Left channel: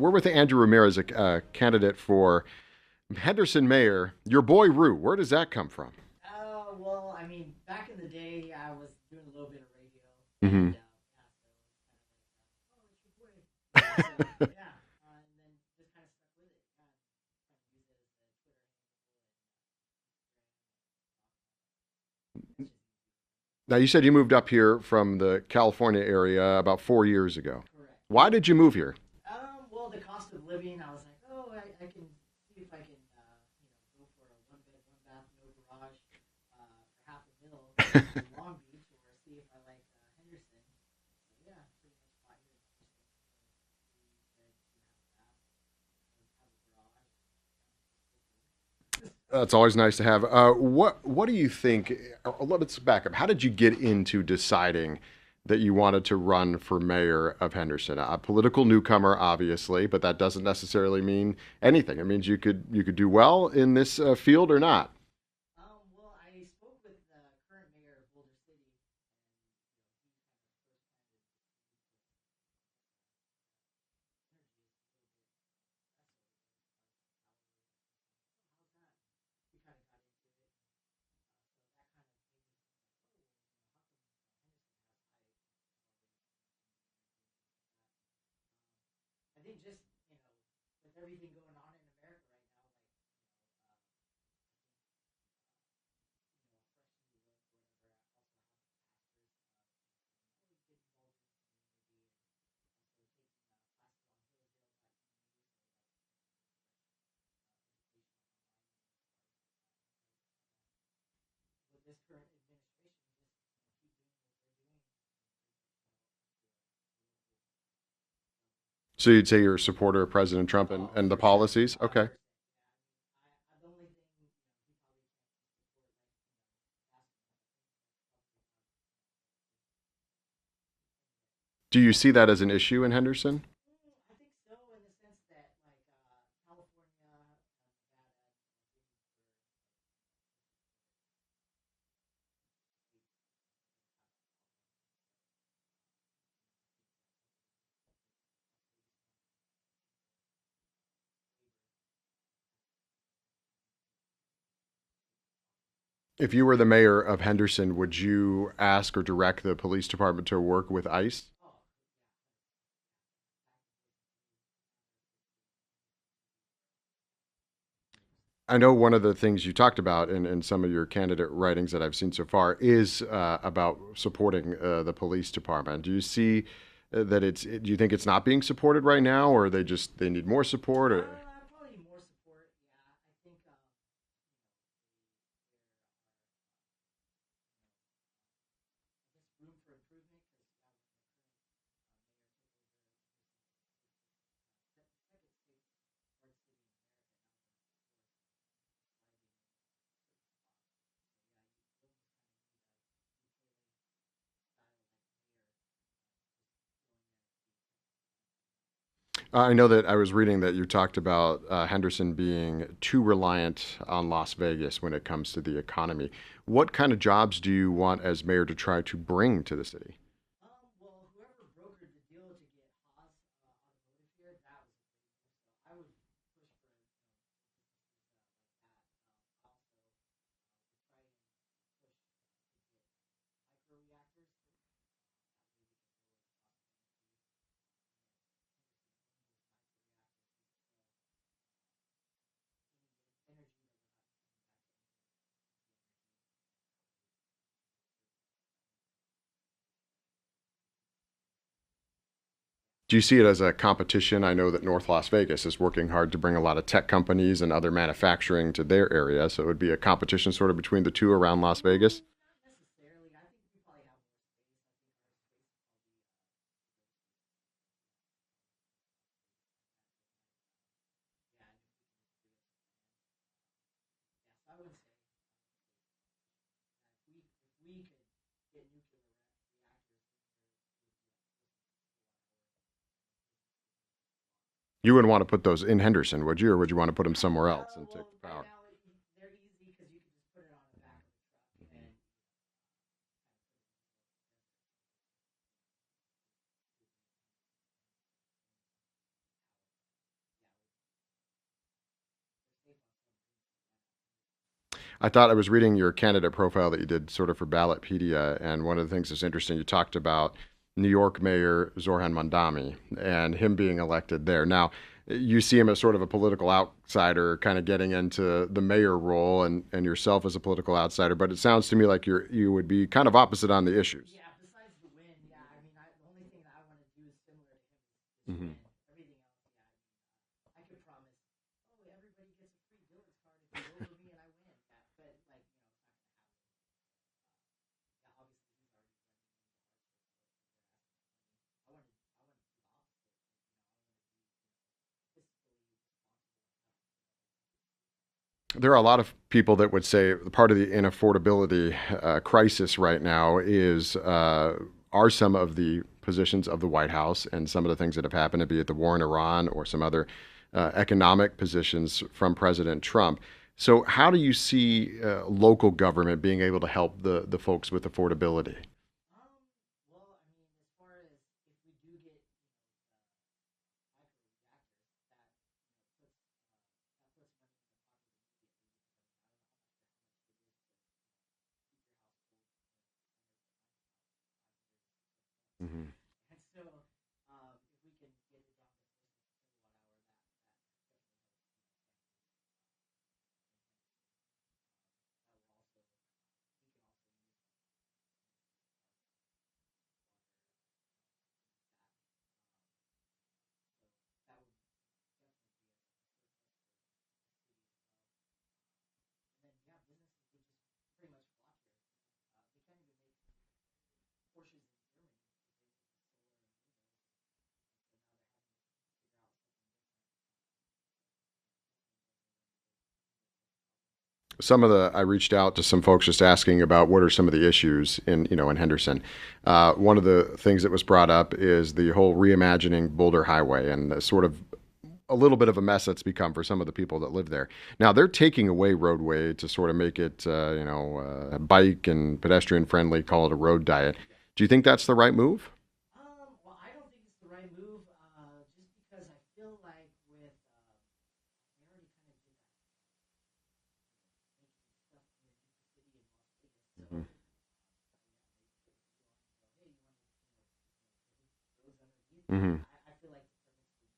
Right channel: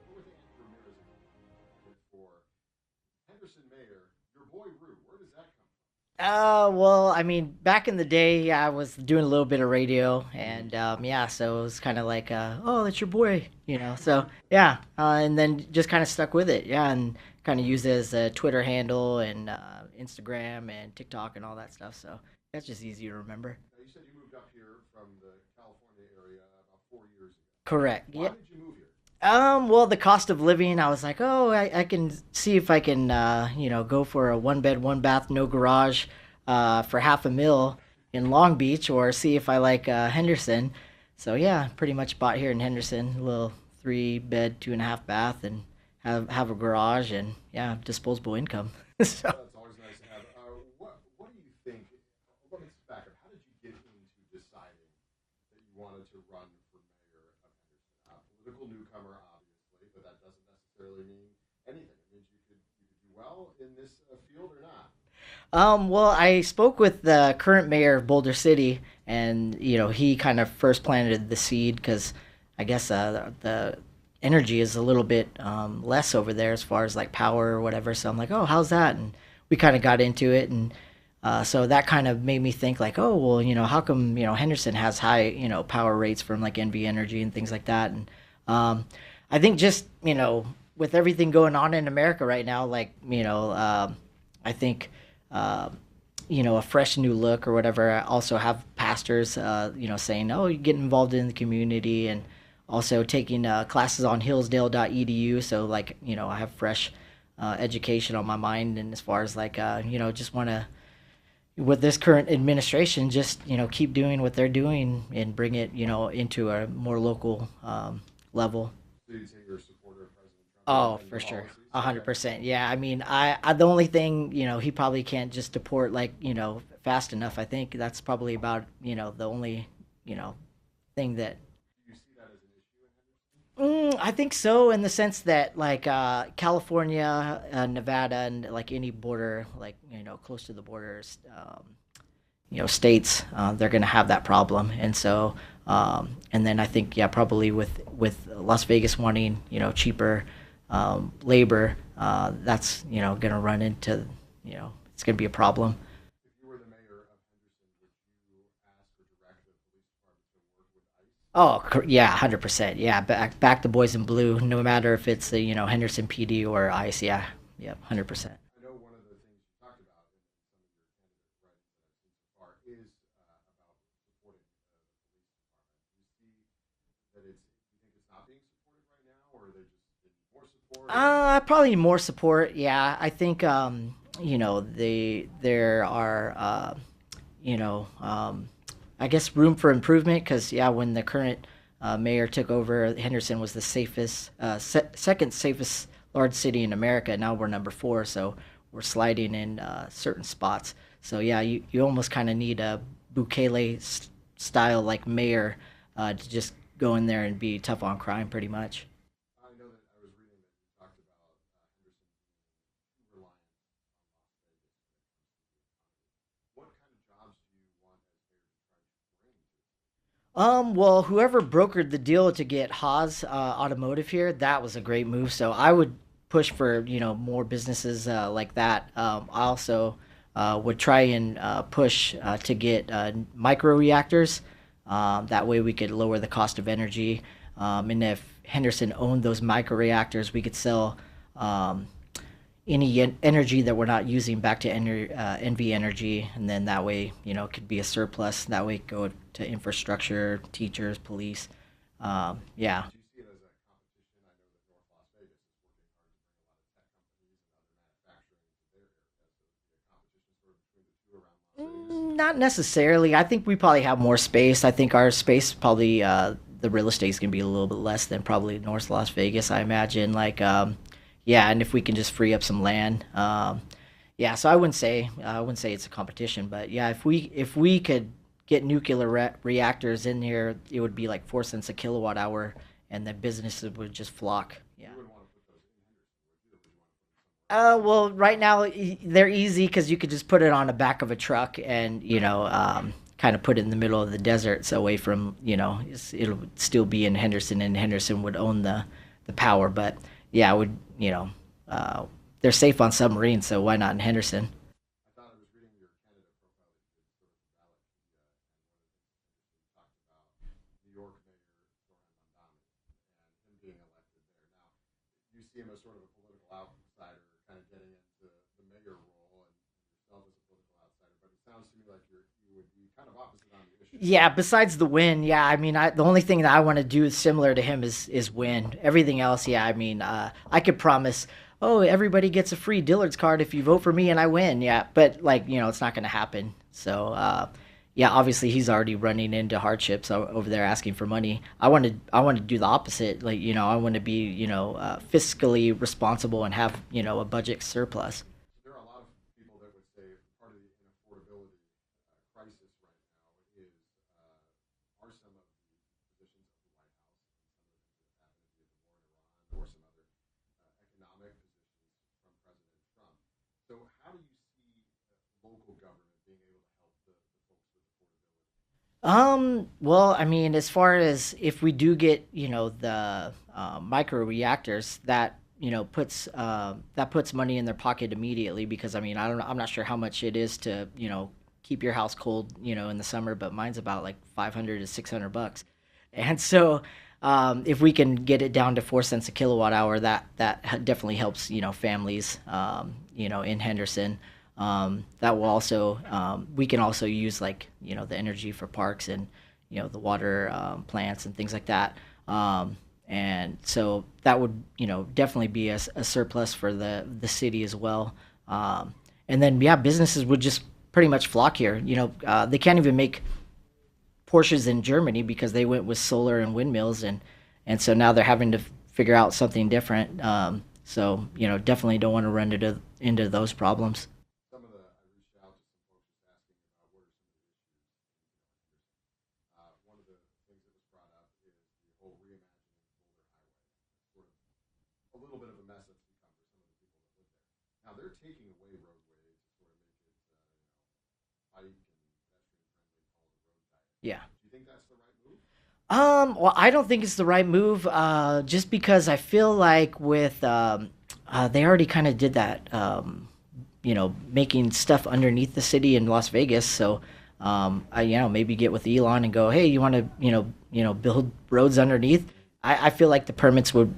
We're with Andrew Ramirez, a candidate for Henderson mayor. Your Boy Rue, where does that come from? Well, I mean, back in the day, yeah, I was doing a little bit of radio, Hmm. and yeah, so it was kind of like, oh, that's your boy, you know. So yeah, and then just kind of stuck with it, yeah, and kind of used it as a Twitter handle and Instagram and TikTok and all that stuff. So that's just easy to remember. Now, you said you moved up here from the California area about 4 years ago. Correct. Why Yep. did you move here? Well, the cost of living, I was like, oh, I can see if I can, go for a one bed, one bath, no garage, for half a mil in Long Beach, or see if I like Henderson. So yeah, pretty much bought here in Henderson, a little 3 bed, 2.5 bath, and have a garage and yeah, disposable income. So. That's always nice to have. What do you think? Let's back up. How did you get into deciding that you wanted to run for mayor of Henderson? A political newcomer, obviously, but that doesn't necessarily mean anything. It means you could do well in this field or not. Well, I spoke with the current mayor of Boulder City, and he kind of first planted the seed because I guess the energy is a little bit less over there as far as like power or whatever. So I'm like, oh, how's that? And we kind of got into it, and so that kind of made me think like, oh, well, how come Henderson has high power rates from like NV Energy and things like that, and I think just with everything going on in America right now, like I think uh, a fresh new look or whatever. I also have pastors, saying, "Oh, you get involved in the community," and also taking classes on Hillsdale.edu. So, like, I have fresh education on my mind, and as far as like, just want to with this current administration, just keep doing what they're doing and bring it, into a more local level. So you'd say you're a supporter of President Trump and, Oh, and the for sure. policies? A hundred Okay. percent. Yeah. I mean, I the only thing, he probably can't just deport like, fast enough. I think that's probably about, the only, thing that Do you see that as an issue in Henderson? I think so in the sense that like California, Nevada, and like any border, like, close to the borders, states, they're going to have that problem. And so, and then I think, yeah, probably with Las Vegas wanting, cheaper labor, that's, going to run into, it's going to be a problem. If you were the mayor of Henderson, would you ask or direct the police department to work with ICE? Oh, yeah, 100%. Yeah, back the boys in blue, no matter if it's the, Henderson PD or ICE. Yeah, yeah, 100%. I know one of the things you talked about in some of your candidate writings that I've seen so far is about supporting the police department. Do you see that do you think it's not being supported right now, or they need more support? Or Probably more support. Yeah, I think there are you know I guess room for improvement because yeah, when the current mayor took over, Henderson was the safest, second safest large city in America. Now we're number four, so we're sliding in certain spots. So yeah, you almost kind of need a Bukele style like mayor to just go in there and be tough on crime, pretty much. I know that I was reading that you talked about Henderson being too reliant on Las Vegas when it comes to the economy. What kind of jobs do you want as mayor to try to bring to the city? Well, whoever brokered the deal to get Haas Automotive here, that was a great move. So I would push for more businesses like that. I also would try and push to get micro reactors. That way we could lower the cost of energy. And if Henderson owned those micro reactors, we could sell any energy that we're not using back to NV Energy, and then that way, it could be a surplus. That way, go to infrastructure, teachers, police. Yeah. Do you see it as a competition? I know that North Las Vegas is working hard to bring a lot of tech companies and other manufacturing to their area, so it would be a competition sort of between the two around Las Vegas. Not necessarily. I think we probably have more space. I think our space probably the real estate is gonna be a little bit less than probably North Las Vegas. I imagine. Like, yeah, and if we can just free up some land, yeah. So I wouldn't say it's a competition, but yeah, if we could get nuclear reactors in here, it would be like 4 cents a kilowatt hour, and the businesses would just flock. You wouldn't want to put those in Henderson, would you, or would you want to put them somewhere else? Well, right now they're easy because you could just put it on the back of a truck and kind of put it in the middle of the desert, so away from it'll still be in Henderson, and Henderson would own the power. But yeah, I would, they're safe on submarines, so why not in Henderson? I thought I was reading your candidate profile that you did sort of for Ballotpedia, and one of the things that's interesting, you talked about New York Mayor Zoran Mandami and him being elected there. Now, you see him as sort of a political outsider, kind of getting into the mayor role, and yourself as a political outsider. But it sounds to me like you would be kind of opposite on the issues. Yeah, besides the win, yeah, I mean, the only thing that I want to do similar to him is win. Everything else, yeah, I mean, I could promise, oh, everybody gets a free Dillard's card if you vote for me and I win, yeah, but like, it's not going to happen. So, yeah, obviously he's already running into hardships over there asking for money. I want to do the opposite. Like, I want to be, fiscally responsible and have, a budget surplus. There are a lot of people that would say part of the inaffordability crisis right now are some of the positions of the White House and some of the things that have happened, be it the war in Iran or some other economic positions from President Trump. So how do you see local government being able to help the folks with affordability? Well, I mean, as far as if we do get, the micro reactors, that puts money in their pocket immediately, because I mean, I'm not sure how much it is to, keep your house cold, in the summer, but mine's about like 500 to 600 bucks. Mm-hmm. And so, if we can get it down to 4 cents a kilowatt hour, that definitely helps, families, in Henderson. That will also, we can also use like, the energy for parks and, the water plants and things like that. And so that would, definitely be a surplus for the city as well. And then, yeah, businesses would just pretty much flock here. They can't even make Porsches in Germany because they went with solar and windmills, and so now they're having to figure out something different. So definitely don't want to run into those problems. I reached out to some folks just asking about what are some of the issues in Henderson. One of the things that was brought up is the whole reimagining Boulder Highway and the sort of a little bit of a mess that's become for some of the people that live there. Now they're taking away roadway to sort of make it, bike and pedestrian friendly, call it a road diet. Yeah. Do you think that's the right move? Well, I don't think it's the right move, just because I feel like with, they already kind of did that, making stuff underneath the city in Las Vegas. So, maybe get with Elon and go, hey, you want to, build roads underneath? Mm-hmm. I feel like the permits would,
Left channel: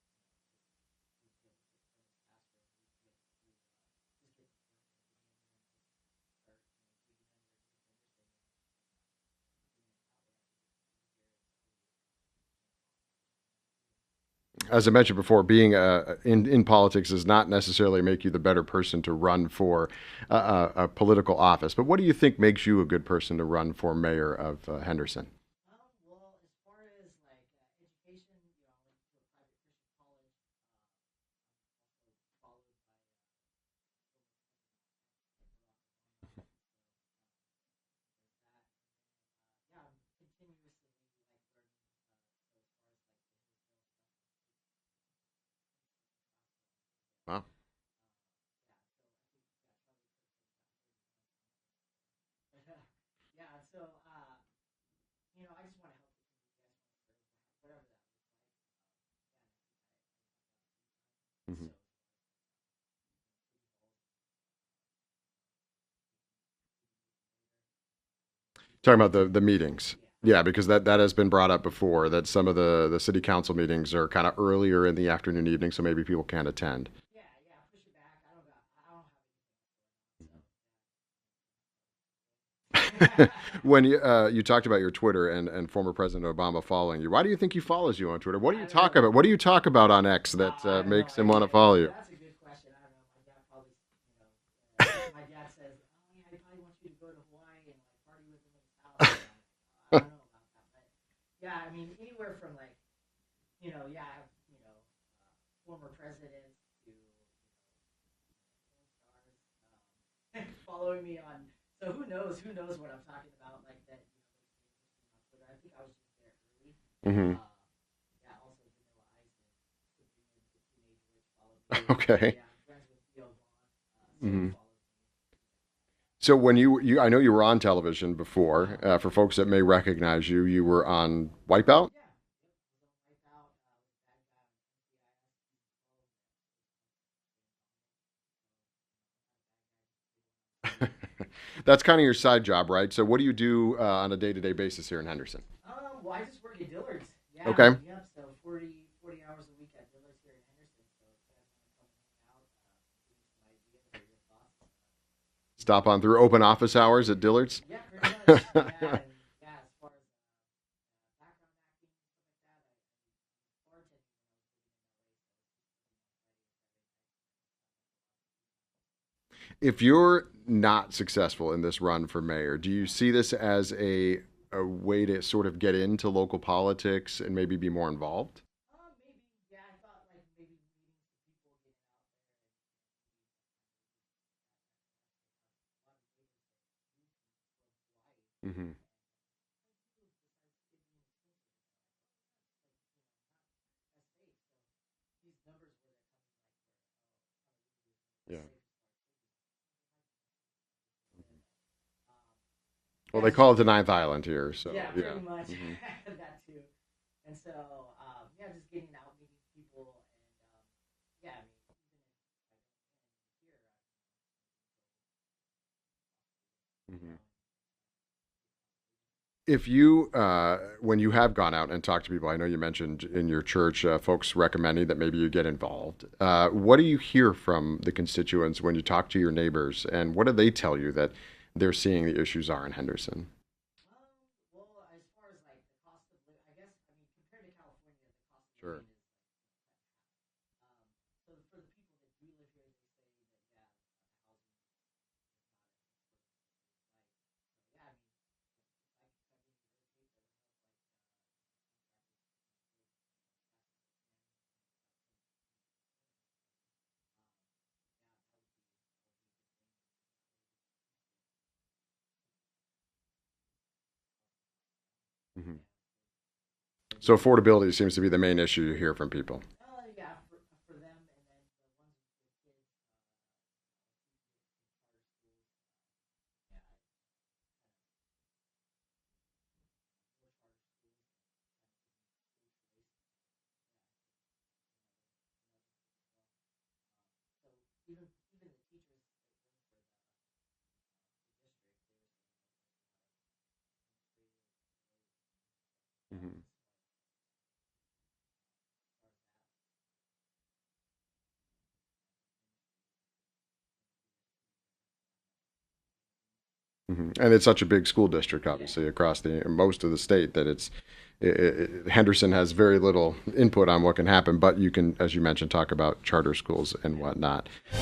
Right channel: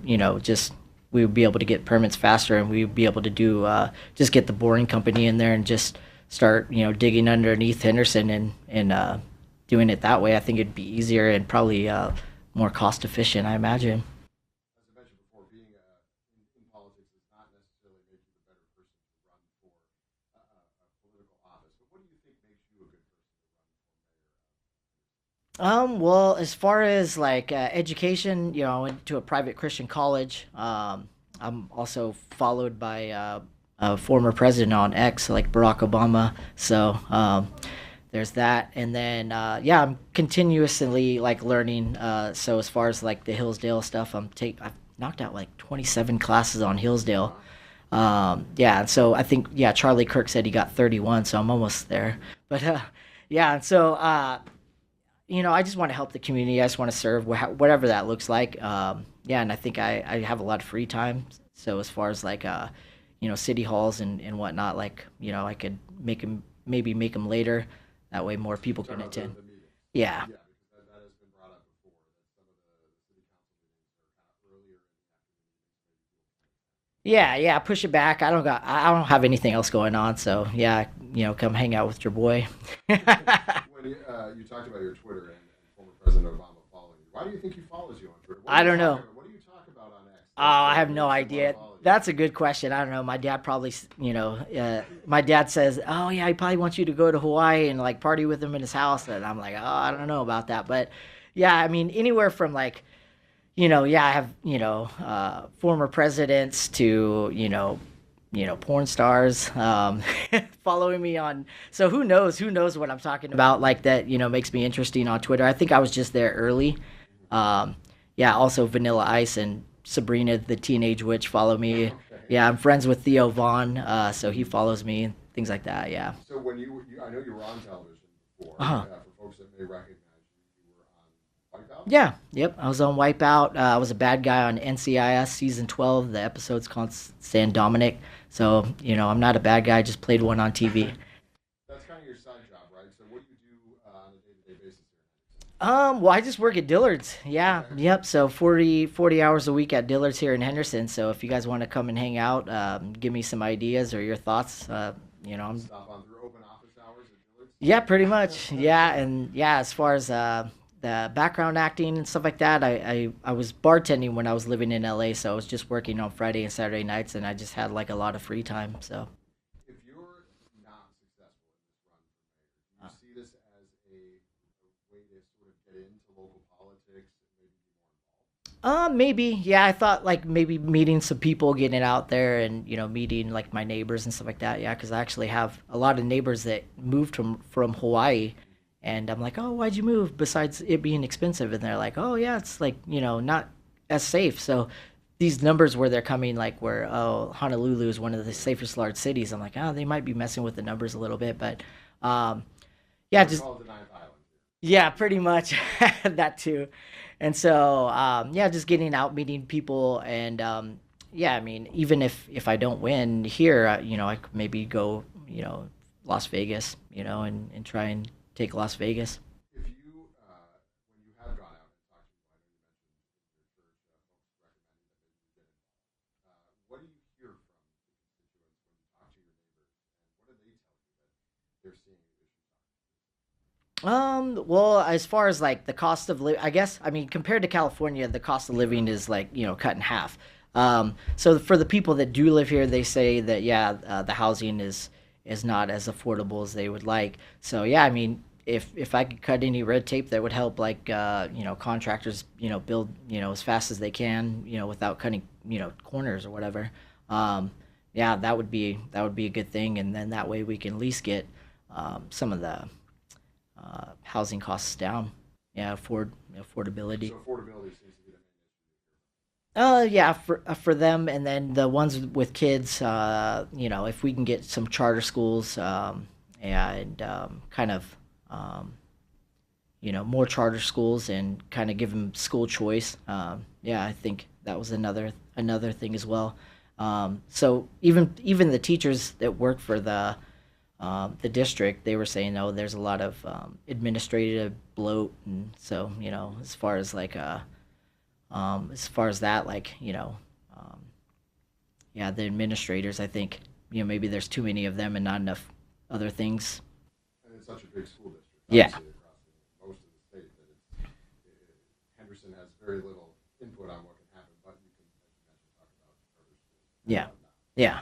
we would be able to get permits faster, and we would be able to do, just get the boring company in there and just start, digging underneath Henderson and doing it that way. I think it'd be easier and probably more cost efficient, I imagine. As I mentioned before, being in politics does not necessarily make you the better person to run for a political office. But what do you think makes you a good person to run for mayor of Henderson? Well, as far as like education, I went to a private Christian college. I'm also followed by a former president on X, like Barack Obama. So there's that. And then, I'm continuously like learning. So as far as like the Hillsdale stuff, I've knocked out like 27 classes on Hillsdale. And so I think, Charlie Kirk said he got 31, so I'm almost there. But and so, I just want to help the community. I just want to serve whatever that looks like. And I think I have a lot of free time. Mm-hmm. So as far as like, city halls and whatnot, like, I could make them later. That way more people talking about the meetings. Yeah. Yeah, because that has been brought up before, that some of the city council meetings are kind of earlier in the afternoon, evening, so maybe people can't attend. Yeah, push it back. I don't have anything else going on, so come hang out with your boy. When you talked about your Twitter and former President Obama following you, why do you think he follows you on Twitter? What do you talk about? What do you talk about on X that I have makes no him idea. want to follow you? That's a good question. I don't know. My dad probably, my dad says, oh yeah, he probably wants you to go to Hawaii and like party with him in his house, and I'm like, oh, I don't know about that. But yeah, I mean, anywhere from like, I have, former presidents to, porn stars, following me on. So who knows what I'm talking about, like that, makes me interesting on Twitter. I think I was just there early. Mm-hmm. Also Vanilla Ice and Sabrina the Teenage Witch follow me. Okay. Yeah, I'm friends with Theo Vaughn, so he follows me. things like that. Yeah. So when I know you were on television before. Uh-huh. For folks that may recognize you, you were on Wipeout. Yeah. Yep. I was on Wipeout. I was a bad guy on NCIS season 12. The episode's called San Dominic. So I'm not a bad guy. I just played one on TV. That's kind of your side job, right? So what do you do on a day-to-day basis here in Henderson? Well, I just work at Dillard's. Yeah. Okay. Yep. So 40 hours a week at Dillard's here in Henderson. So if you guys want to come and hang out, give me some ideas or your thoughts. I'm Stop on through open office hours at Dillard's. Yeah, pretty much. Yeah, and yeah, as far as the background acting and stuff like that, I was bartending when I was living in LA, so I was just working on Friday and Saturday nights, and I just had like a lot of free time. So If you're not successful in this run for mayor, do you see this as a way to sort of get into local politics and maybe be more involved? maybe. Yeah, I thought like maybe meeting some people, getting out there, and meeting like my neighbors and stuff like that. Yeah, because I actually have a lot of neighbors that moved from Hawaii, and I'm like, oh, why'd you move? Besides it being expensive, and they're like, oh yeah, it's like not as safe. So these numbers where they're coming, like where Honolulu is one of the safest large cities. I'm like, oh, they might be messing with the numbers a little bit, but yeah, Well, they just, call it the Ninth Island here. So, yeah, pretty much that too. And so, yeah, just getting out, meeting people, and yeah, I mean, even if I don't win here, I could maybe go, Las Vegas, and try and take Las Vegas. If you, when you have gone out and talked to people, I know you mentioned in your church, folks recommending that maybe you get involved. What do you hear from the constituents when you talk to your neighbors, and what do they tell you that they're seeing the issues are in Henderson? Well, as far as like the cost of living, I guess, I mean, compared to California, the cost of living is like, cut in half. So for the people that do live here, they say that, yeah, the housing is not as affordable as they would like. So, yeah, I mean, if I could cut any red tape that would help, like, contractors, build, as fast as they can, without cutting, corners or whatever. Yeah, that would be a good thing. And then that way we can at least get, some of the, housing costs down. Yeah, affordability. So affordability seems to be the main issue you hear from people. Yeah, for them, and then the ones with kids, if we can get some charter schools, and kind of, more charter schools and kind of give them school choice. Yeah, I think that was another thing as well. So even the teachers that work for the district, they were saying, oh, there's a lot of administrative bloat, and so as far as like as far as that, like yeah, the administrators, I think maybe there's too many of them and not enough other things. And it's such a big school district, obviously, across the most of the state that Henderson has very little input on what can happen, but you can, as you mentioned, talk about charter schools and whatnot. Yeah.